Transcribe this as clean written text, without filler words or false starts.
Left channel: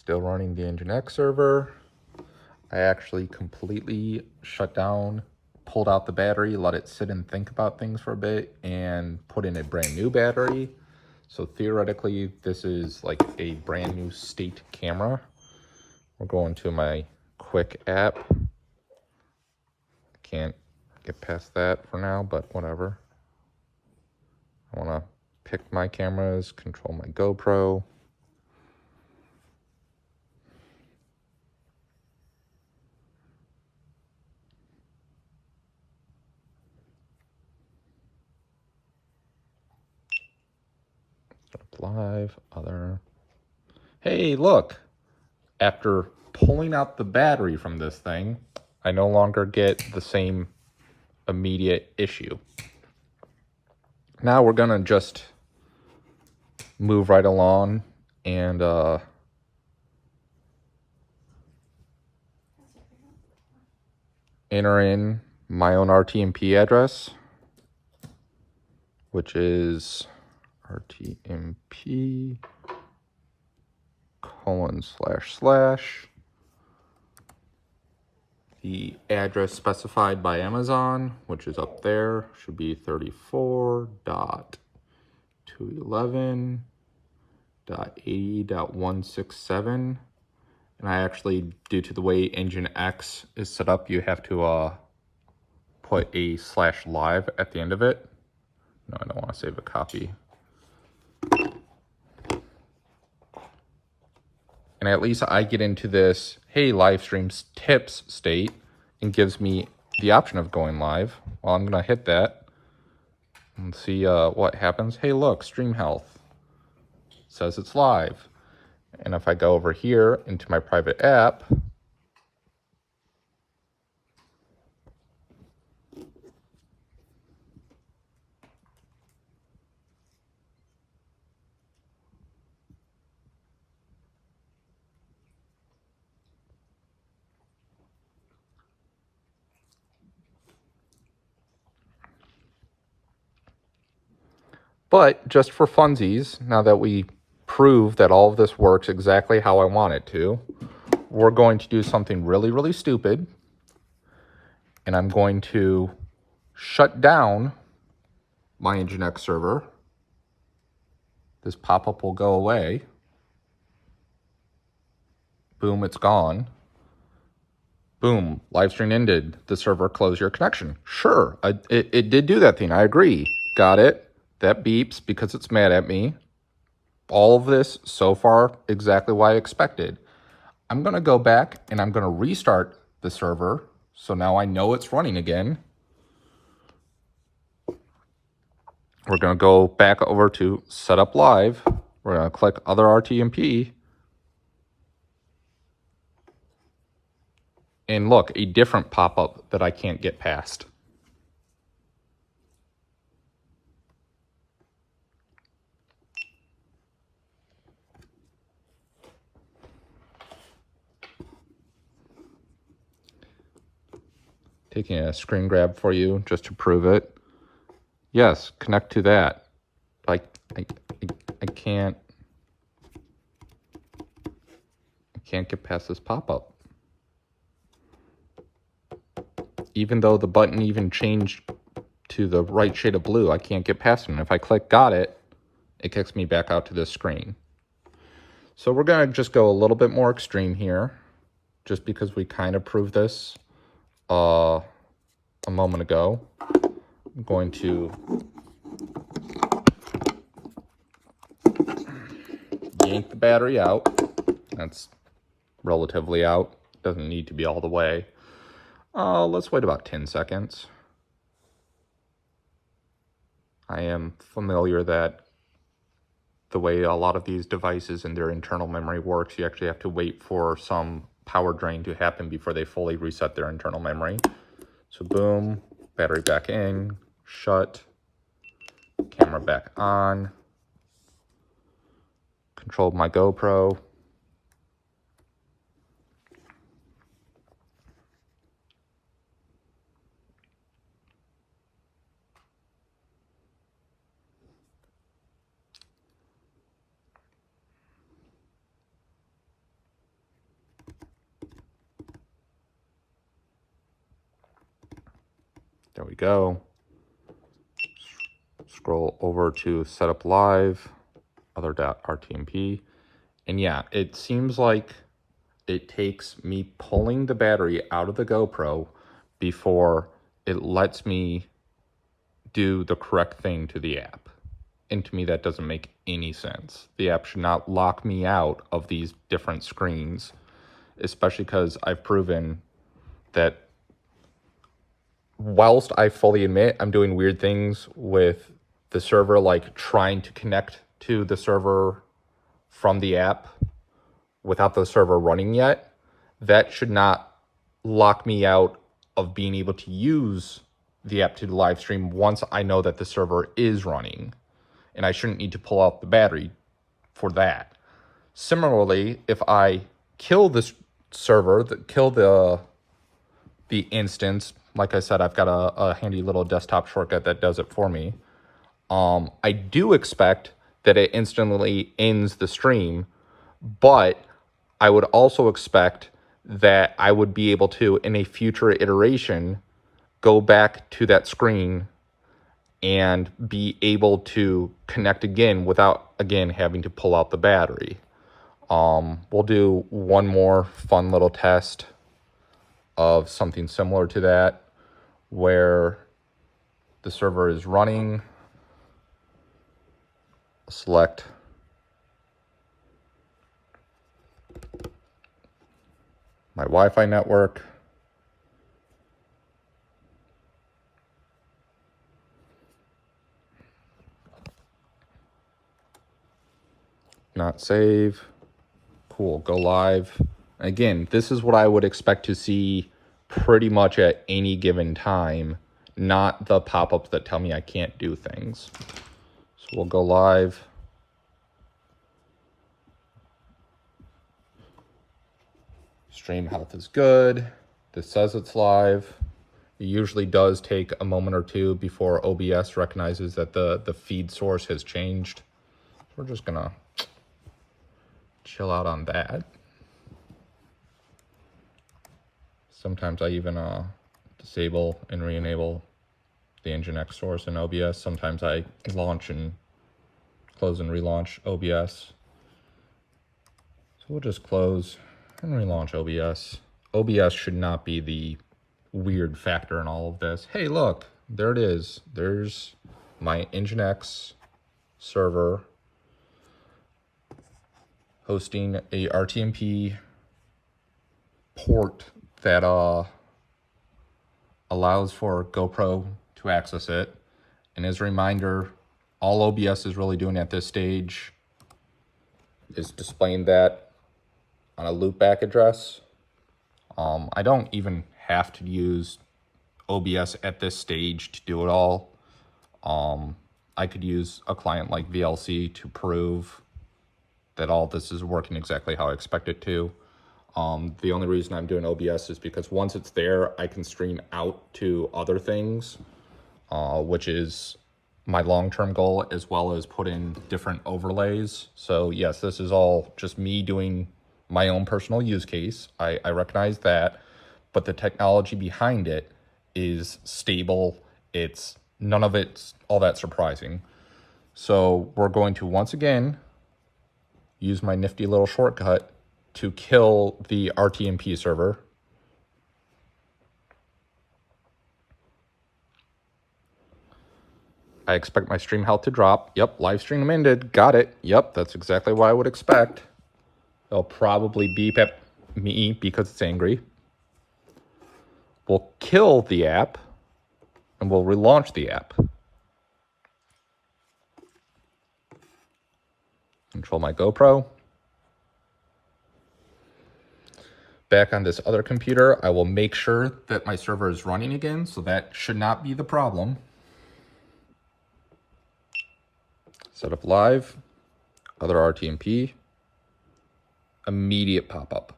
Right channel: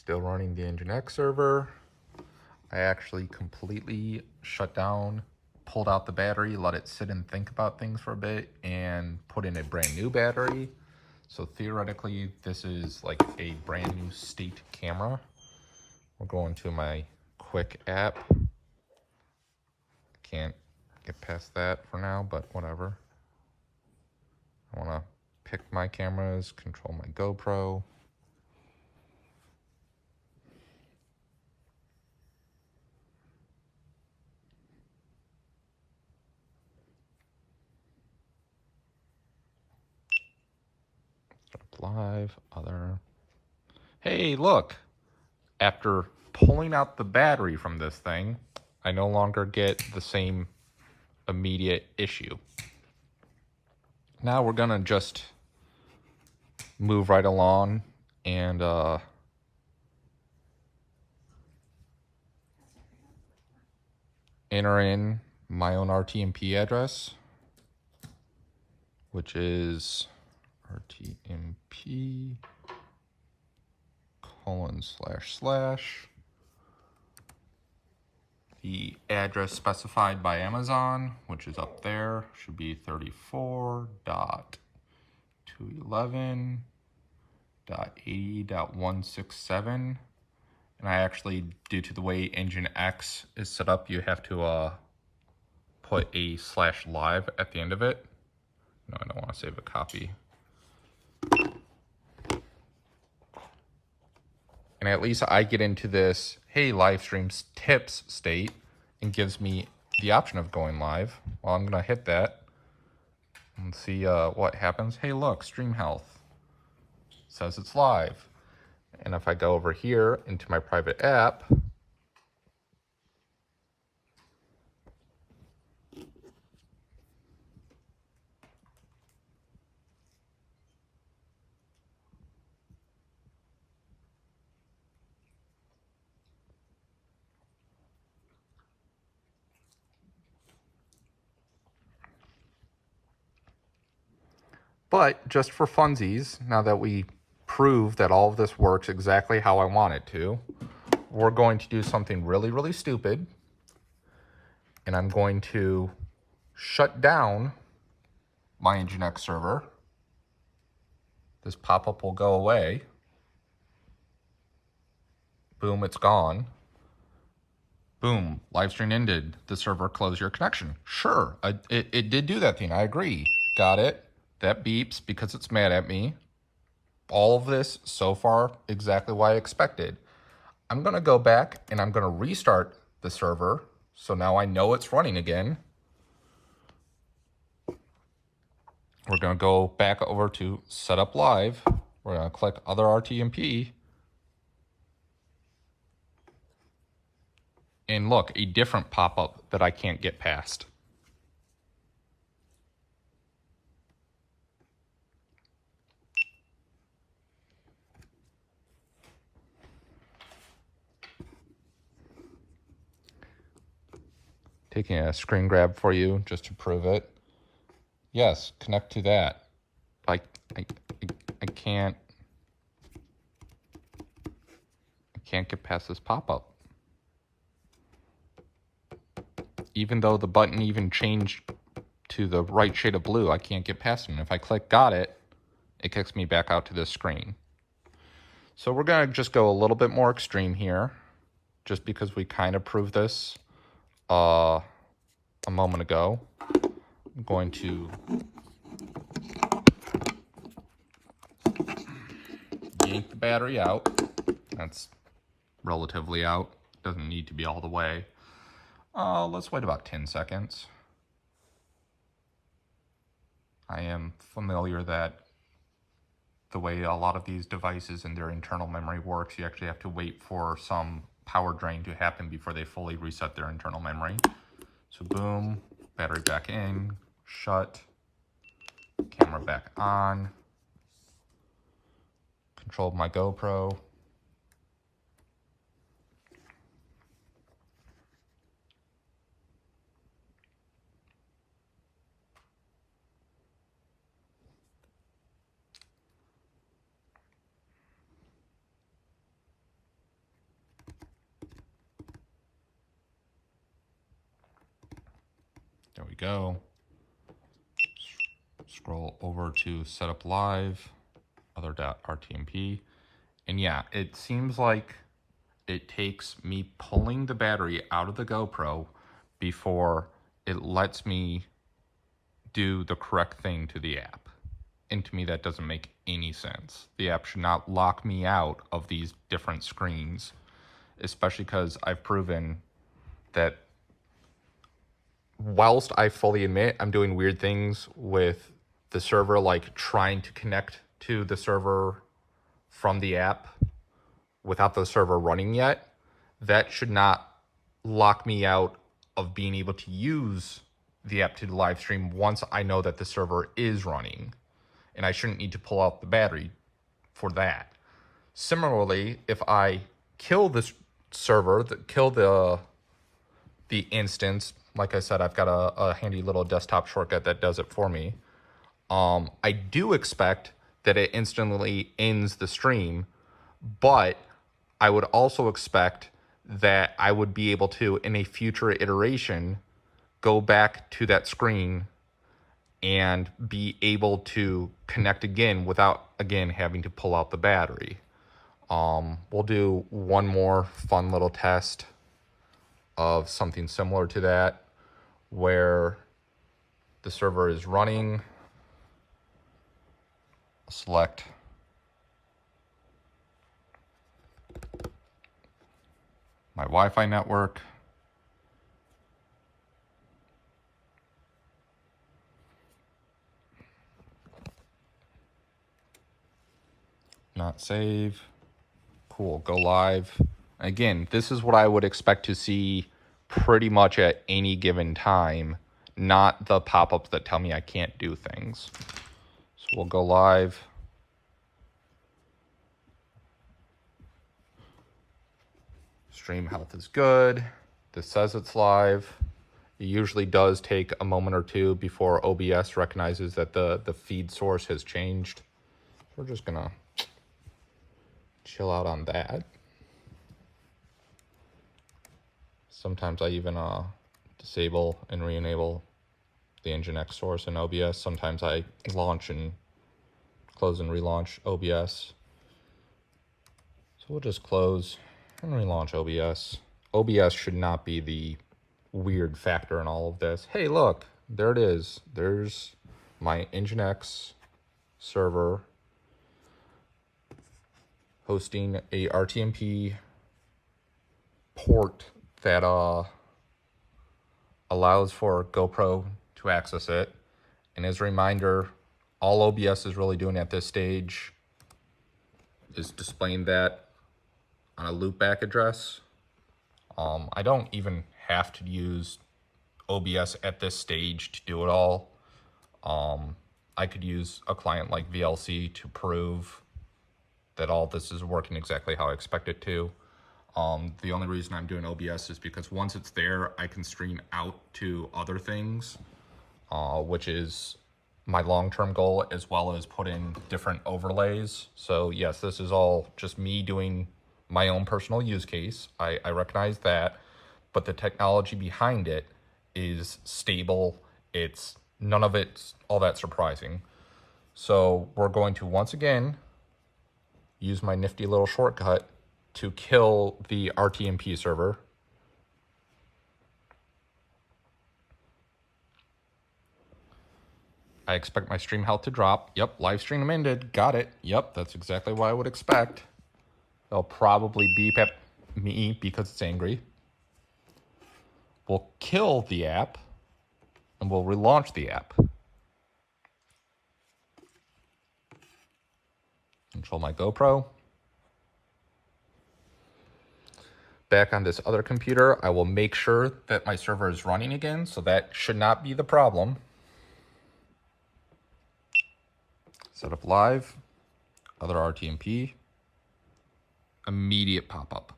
Still running the Nginx server. I actually completely shut down, pulled out the battery, let it sit and think about things for a bit, and put in a brand new battery. So theoretically, this is like a brand new state camera. We'll go into my quick app. Can't get past that for now, but whatever. I want to pick my cameras, control my GoPro. Live, other. Hey, look! After pulling out the battery from this thing, I no longer get the same immediate issue. Now we're gonna just move right along and enter in my own RTMP address, which is RTMP : the address specified by Amazon, which is up there, should be 34.211.80.167. And I actually, due to the way Nginx is set up, you have to put a /live at the end of it. No, I don't want to save a copy. And at least I get into this, hey, live streams tips state, and gives me the option of going live. Well, I'm gonna hit that and see what happens. Hey, look, stream health says it's live. And if I go over here into my private app, but just for funsies, now that we prove that all of this works exactly how I want it to, we're going to do something really, really stupid. And I'm going to shut down my Nginx server. This pop-up will go away. Boom, it's gone. Boom, live stream ended. The server closed your connection. Sure, it did do that thing. I agree. Got it. That beeps because it's mad at me. All of this so far exactly what I expected. I'm going to go back and I'm going to restart the server. So now I know it's running again. We're going to go back over to Setup Live. We're going to click Other RTMP. And look, a different pop-up that I can't get past. Taking a screen grab for you just to prove it. Yes, connect to that. I can't get past this pop-up. Even though the button even changed to the right shade of blue, I can't get past it. And if I click got it, it kicks me back out to this screen. So we're gonna just go a little bit more extreme here, just because we kind of proved this a moment ago. I'm going to yank the battery out. That's relatively out. Doesn't need to be all the way. Let's wait about 10 seconds. I am familiar that the way a lot of these devices and their internal memory works, you actually have to wait for some power drain to happen before they fully reset their internal memory. So boom, battery back in, shut, camera back on, controlled my GoPro. go. Scroll over to setup live, other.rtmp. And yeah, it seems like it takes me pulling the battery out of the GoPro before it lets me do the correct thing to the app. And to me, that doesn't make any sense. The app should not lock me out of these different screens, especially because I've proven that whilst I fully admit I'm doing weird things with the server, like trying to connect to the server from the app without the server running yet, that should not lock me out of being able to use the app to live stream once I know that the server is running. And I shouldn't need to pull out the battery for that. Similarly, if I kill this server, kill the instance, like I said, I've got a handy little desktop shortcut that does it for me. I do expect that it instantly ends the stream, but I would also expect that I would be able to, in a future iteration, go back to that screen and be able to connect again without, again, having to pull out the battery. We'll do one more fun little test of something similar to that, where the server is running. Select my Wi-Fi network. Not save. Cool, go live. Again, this is what I would expect to see pretty much at any given time, not the pop-ups that tell me I can't do things. So we'll go live. Stream health is good. This says it's live. It usually does take a moment or two before OBS recognizes that the feed source has changed. So we're just gonna chill out on that. Sometimes I even disable and re-enable the Nginx source in OBS. Sometimes I launch and close and relaunch OBS. So we'll just close and relaunch OBS. OBS should not be the weird factor in all of this. Hey, look, there it is. There's my Nginx server hosting a RTMP port that allows for GoPro to access it. And as a reminder, all OBS is really doing at this stage is displaying that on a loopback address. I don't even have to use OBS at this stage to do it all. I could use a client like VLC to prove that all this is working exactly how I expect it to. The only reason I'm doing OBS is because once it's there, I can stream out to other things, which is my long-term goal, as well as put in different overlays. So yes, this is all just me doing my own personal use case. I recognize that, but the technology behind it is stable. It's none of it's all that surprising. So we're going to once again use my nifty little shortcut to kill the RTMP server. I expect my stream health to drop. Yep, live stream ended. Got it. Yep, that's exactly what I would expect. It'll probably beep at me because it's angry. We'll kill the app and we'll relaunch the app. Control my GoPro. Back on this other computer, I will make sure that my server is running again, so that should not be the problem. Set up live, other RTMP, immediate pop-up.